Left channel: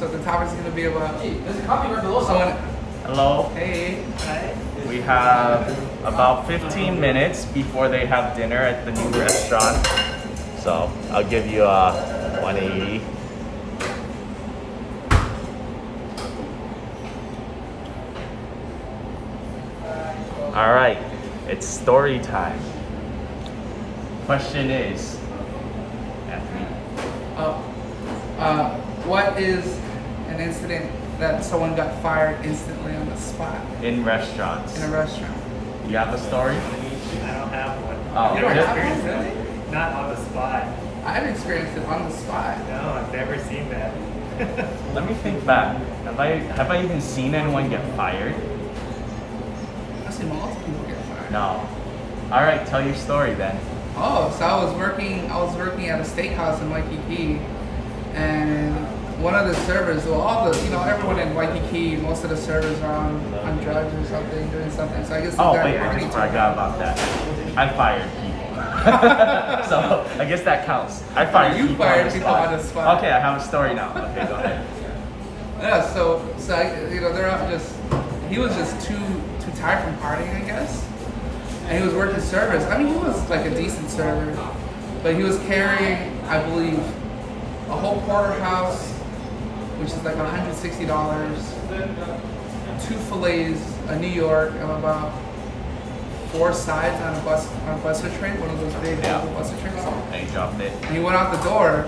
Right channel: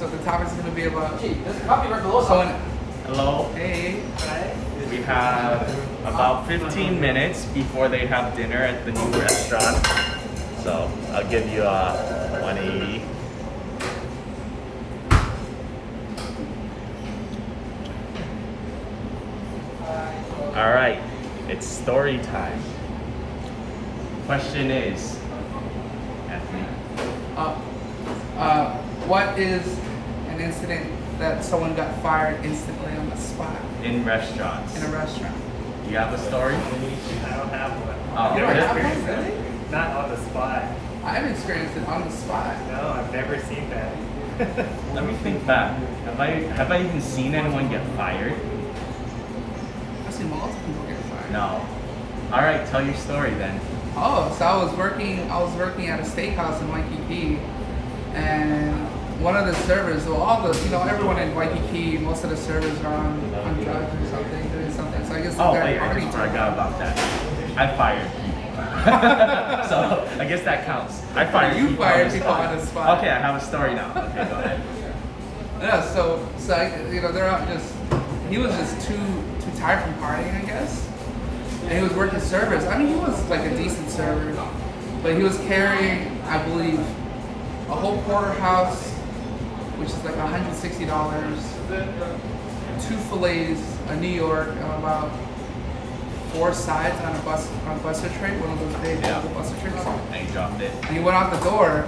So the topic is gonna be about someone. Hello. Hey. We have about 15 minutes before they have dinner at the new restaurant. So I'll give you a 180. All right, it's story time. Question is, What is an incident that someone got fired instantly on the spot in restaurants, in a restaurant? you got the story? I don't have one. Oh, You don't really? have one, really? Not on the spot. I've experienced it on the spot. No, I've never seen that. Let me think back. Have I even seen anyone get fired? I've seen multiple people get fired. No. All right, tell your story then. Oh, so I was working at a steakhouse in Waikiki, and one of the servers, well, everyone in Waikiki, most of the servers are on drugs or something, doing something. So I guess Oh, they're wait, party I forgot about that. I fired people. So I guess that counts. I fired You people fired on the people spot. on the spot. Okay, I have a story now. Okay, go ahead. Yeah, so they're not just. He was just too tired from partying, I guess. And he was working servers. I mean, he was like a decent server, but he was carrying, I believe, a whole porterhouse, which is like $160, 2 fillets, a New York, and about 4 sides on a buster tray, one of those big buster trays. And he dropped it. And he went out the door.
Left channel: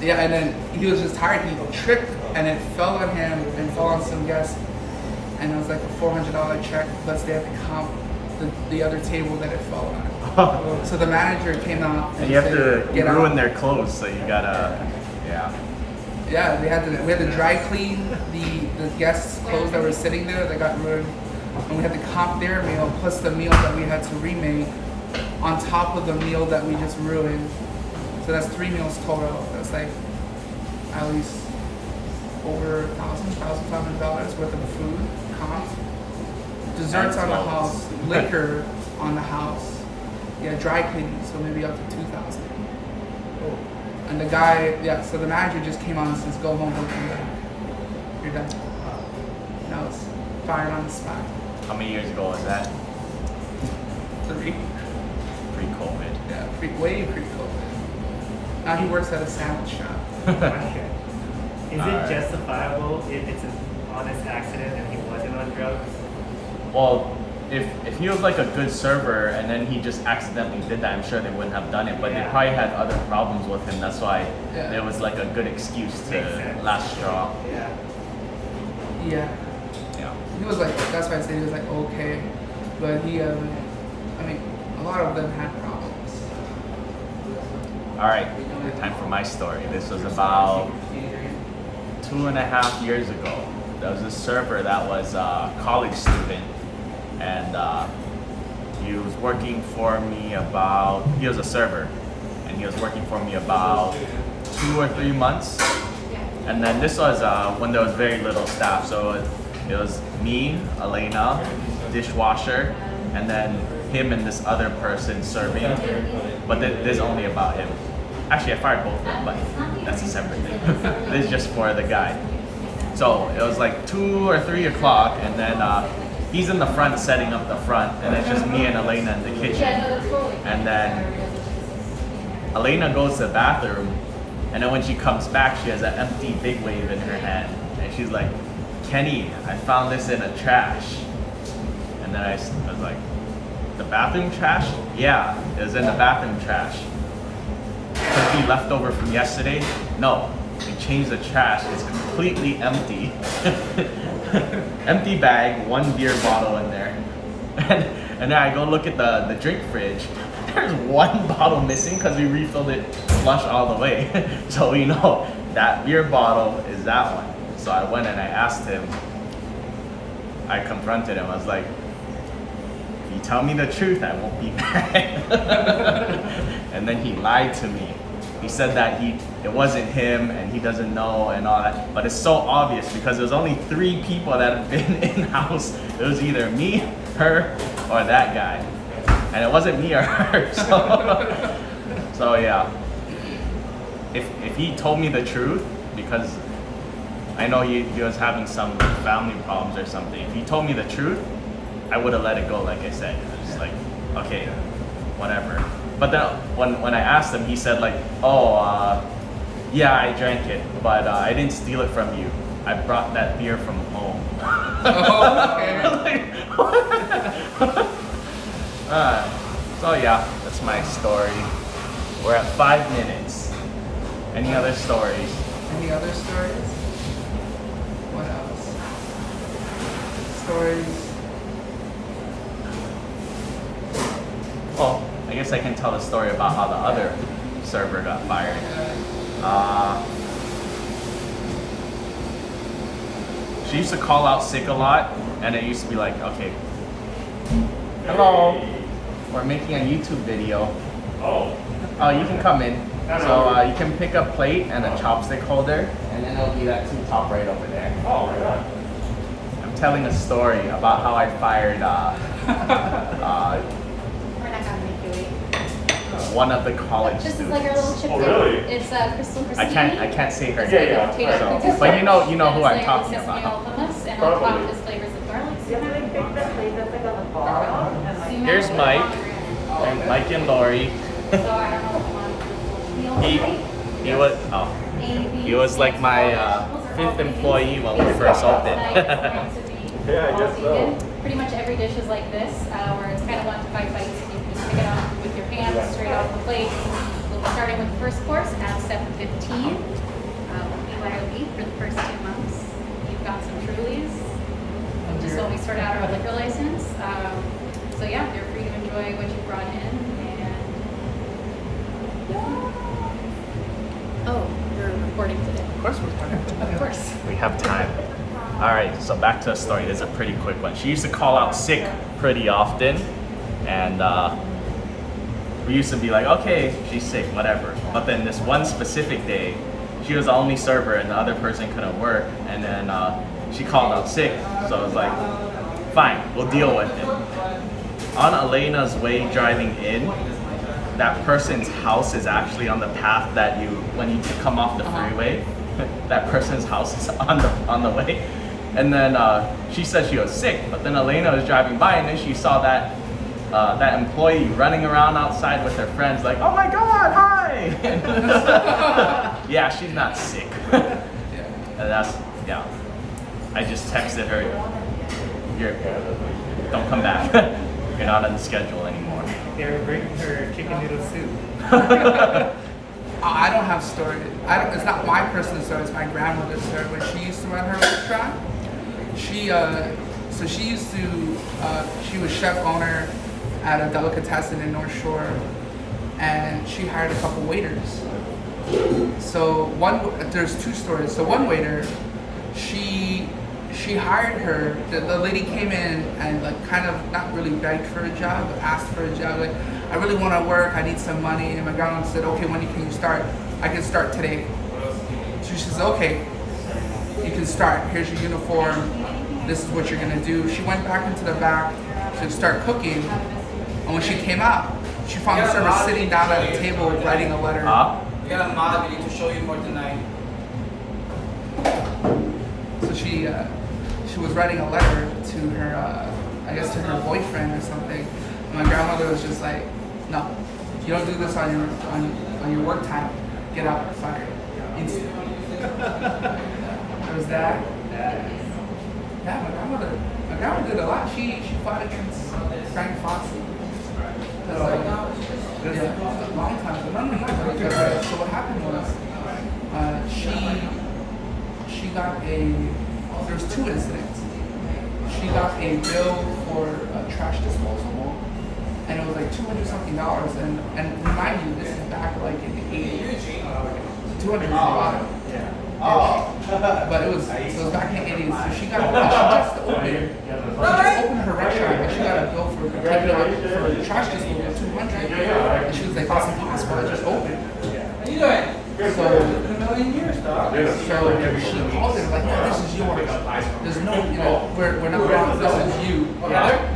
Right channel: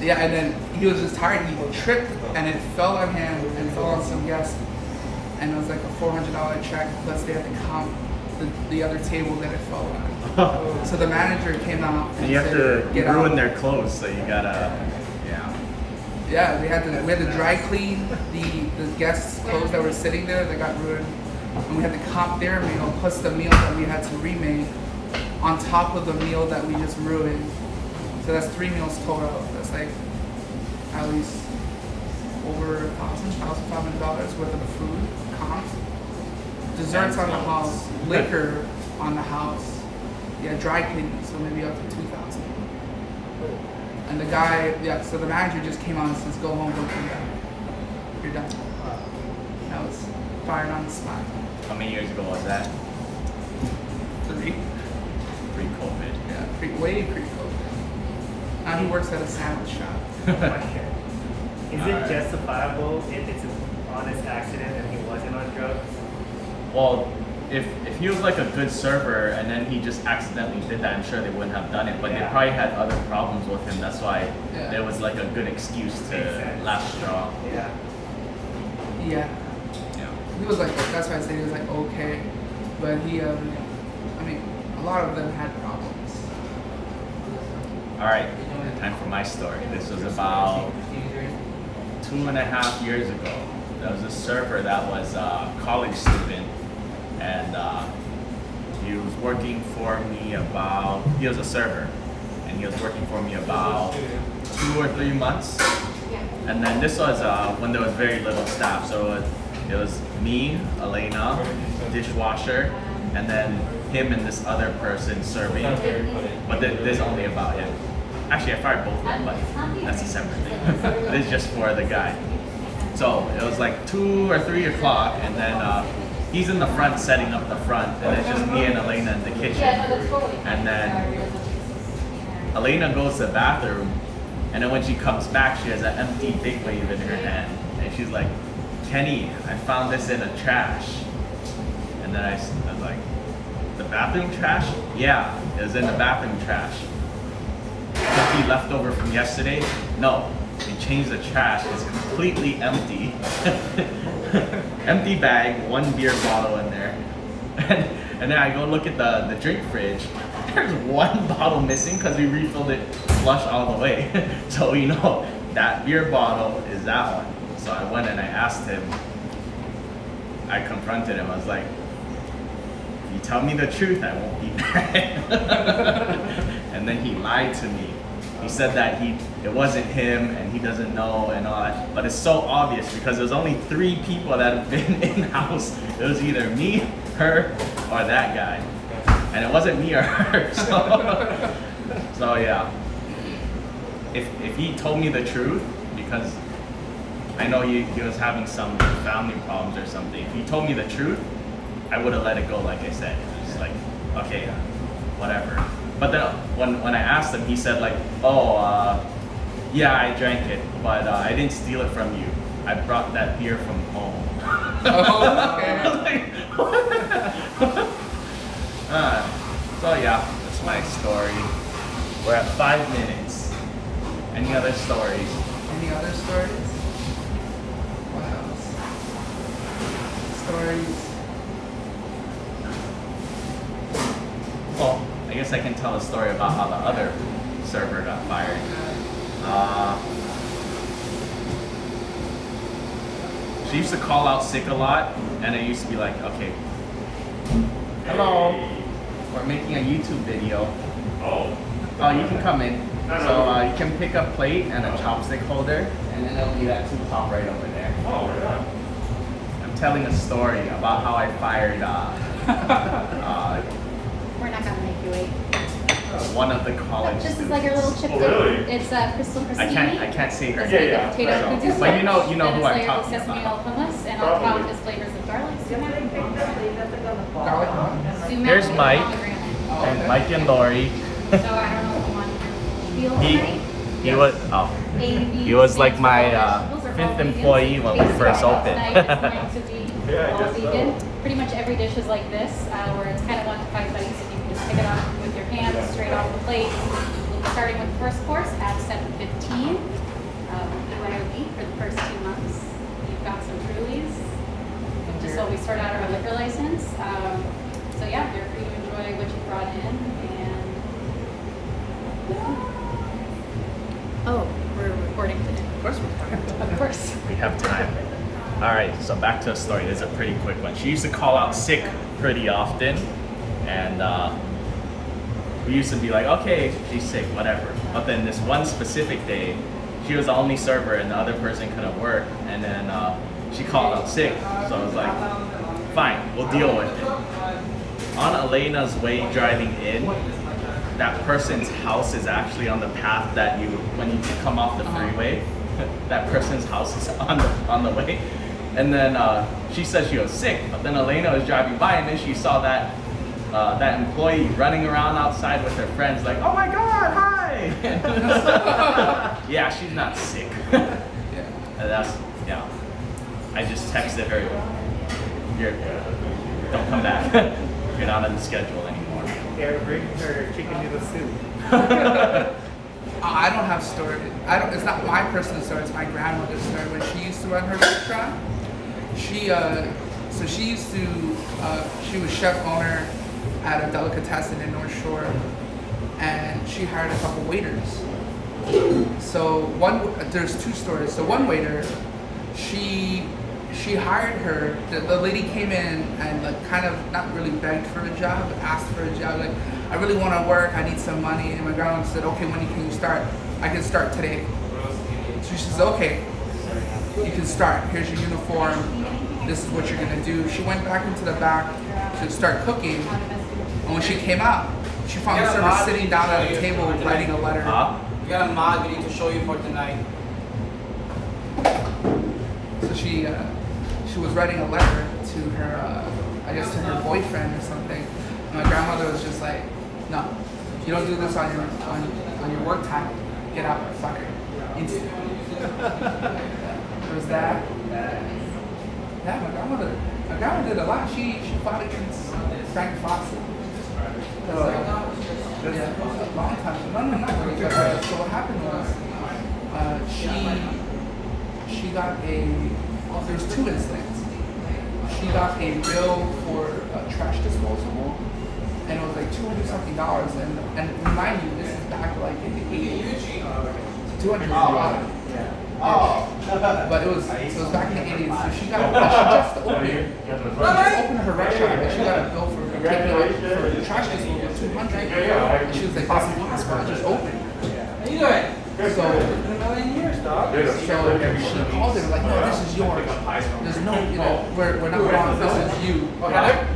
Yeah, and then he was just tired. He tripped, and it fell on him and fell on some guests. And it was like a $400 check, plus they had to comp the other table that it fell on. So the manager came out and You have said, to "Get ruin out." their clothes, so you gotta, yeah. Yeah, we had to dry clean the guests' clothes that were sitting there that got ruined, and we had to comp their meal plus the meal that we had to remake on top of the meal that we just ruined. So that's 3 meals total. That's like at least over $1,500 worth of food comped. Desserts on the house, liquor on the house. Yeah, dry cleaning, so maybe up to $2,000. And the guy, so the manager just came on and says, "Go home, don't come back. You're done." And I was fired on the spot. How many years ago was that? 3. Pre-COVID. Yeah, way pre-COVID. Now he works at a sandwich shop. Is it justifiable if it's an honest accident and he wasn't on drugs? Well, if he was like a good server and then he just accidentally did that, I'm sure they wouldn't have done it. But they Yeah. probably had other problems with him. That's why Yeah. there was like a good excuse Makes to sense. last straw. Yeah. Yeah. Yeah. He was like, that's why I said he was like okay. But he, a lot of them had problems. All right, time for my story. This was about 2.5 years ago. There was a server that was a college student, and he was working for me he was a server, and he was working for me about 2 or 3 months. And then this was when there was very little staff, so it was me, Elena, dishwasher, and then him and this other person serving, but there's only about him. Actually, I fired both of them, but that's a separate. This is just for the guy. So it was like 2 or 3 o'clock, and then he's in the front setting up the front, and it's just me and Elena in the kitchen. And then Elena goes to the bathroom, and then when she comes back, she has an empty big wave in her hand, and she's like, "Kenny, I found this in the trash." And then I was like, "The bathroom trash?" "Yeah, it was in the bathroom trash." "Could be leftover from yesterday?" "No, we changed the trash. It's completely empty." Empty bag, 1 beer bottle in there. And then I go look at the drink fridge. There's 1 bottle missing because we refilled it flush all the way. So that beer bottle is that one. So I went and I asked him. I confronted him. I was like, "If you tell me the truth, I won't be mad." And then he lied to me. He said that it wasn't him and he doesn't know and all that. But it's so obvious because there was only 3 people that had been in-house. It was either me, her, or that guy. And it wasn't me or her. So yeah. If he told me the truth, because I know he was having some family problems or something. If he told me the truth, I would have let it go, like I said. Just like, okay, whatever. But then when I asked him, he said like, oh, yeah, I drank it, but I didn't steal it from you. I brought that beer from home. Oh, okay. So yeah, that's my story. We're at 5 minutes. Any other stories? Any other stories? What else? Stories. Well, I guess I can tell a story about how the other server got fired. She used to call out sick a lot, and it used to be like, okay, hello, we're making a YouTube video. Oh, you can come in. So you can pick a plate and a chopstick holder, and then it'll be that two top right over there. Oh, God. I'm telling a story about how I fired We're not gonna make you wait. one of the college This is students. like our little chip. Oh, really? It's Crystal I can't say her That's name. like potato So, cookies. but you know who And I'm it's talking flavored sesame about. almonds, and on top is flavors of garlic. Sumac, Here's and Mike. pomegranate. Mike and Lori. So I don't know what you want to feel tonight. He was he was like my fifth employee when we first opened. Pretty much every dish is like this, where it's kind of 1 to 5 bites, and you can just pick it off with your hands straight off the plate. Starting with the first course at 7:15. Lighter beef for the first 2 months. We've got some Trulies. Just so we sort out our liquor license. So yeah, they're free to enjoy what you brought in. Oh, we're recording today. Of course we're fine. Of course. We have time. All right, so back to the story. This is a pretty quick one. She used to call out sick pretty often, and we used to be like, okay, she's sick, whatever. But then this one specific day, she was the only server and the other person couldn't work, and then she called out sick. So I was like, fine, we'll deal with it. On Elena's way driving in, that person's house is actually on the path that when you come off the freeway, that person's house is on the way. And then she said she was sick, but then Elena was driving by, and then she saw that employee running around outside with her friends, like, oh my God, hi! Yeah, she's not sick. Yeah. And I just texted her, don't come back. You're not on the schedule anymore. They're bringing her chicken noodle soup. I don't have stories. It's not my personal story. It's my grandmother's story. When she used to run her restaurant, she was chef owner at a delicatessen in North Shore, and she hired a couple waiters. So there's two stories. So one waiter, she hired her. The lady came in and like kind of not really begged for a job, but asked for a job. Like, I really want to work. I need some money. And my grandma said, okay, when can you start? I can start today. So she says, okay, you can start. Here's your uniform. This is what you're gonna do. She went back into the back to start cooking. And when she came out, she found the server sitting down at a table writing a letter. We got a mod we need to show you for tonight. So she was writing a letter to her, I guess to her boyfriend or something. And my grandmother was just like, no, you don't do this on your work time. Get out, you're fired instantly. There was that. Yeah, my grandmother did a lot. She fought against Frank Fossey. Yeah, a long time. No. So what happened was, she got there was two incidents. She got a bill for a trash disposable, and it was like $200-something. And remind you, this is back like in the 80s. 200 is a lot. But it was back in the 80s. So she just opened her restaurant, and she got a bill for taking out for trash disposable 200. And she was like, that's impossible. I just opened. So she called it like, no, this is yours. There's no, we're not wrong. This is you.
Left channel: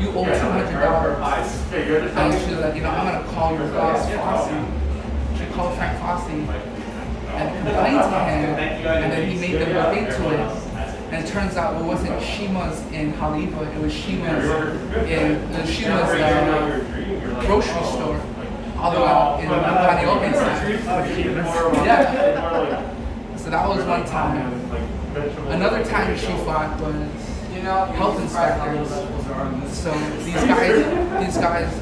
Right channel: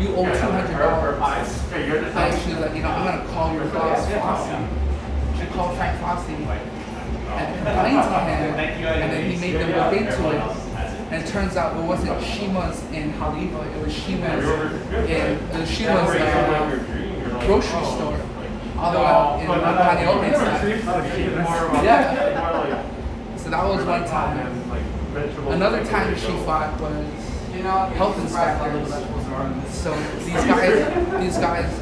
You owe $200. And she was like, I'm gonna call your boss, Fossey. She called Frank Fossey, and complained to him, and then he made them look into it. And it turns out it wasn't Shima's in Haleiwa, it was Shima's grocery store, all the way out in the Kaneohe side. Yeah. So that was one time. Another time she fought was health inspectors. So these guys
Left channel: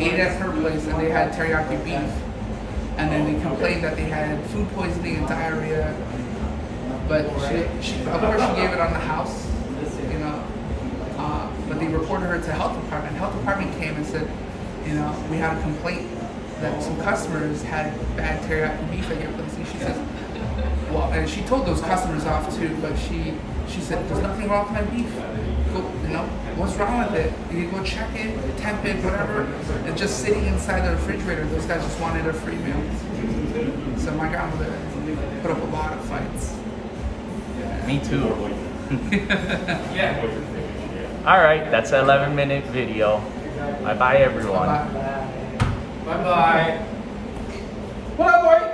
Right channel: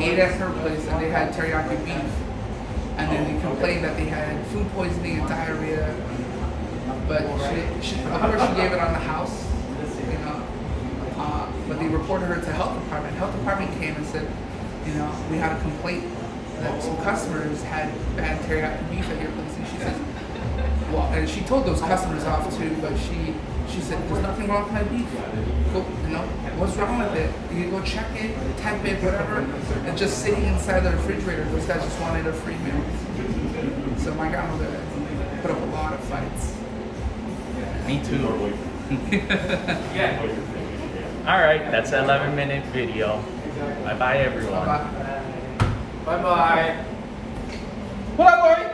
ate at her place and they had teriyaki beef, and then they complained that they had food poisoning and diarrhea. But she of course she gave it on the house, but they reported her to health department. Health department came and said, we had a complaint that some customers had bad teriyaki beef at your place, and she says, well, and she told those customers off too, but she said, there's nothing wrong with my beef. Go, what's wrong with it? You can go check it, temp it, whatever. And just sitting inside the refrigerator, those guys just wanted a free meal. So my grandmother put up a lot of fights. Me too. All right, that's an 11-minute video. Bye bye, everyone. Bye. Bye bye. What up, boy?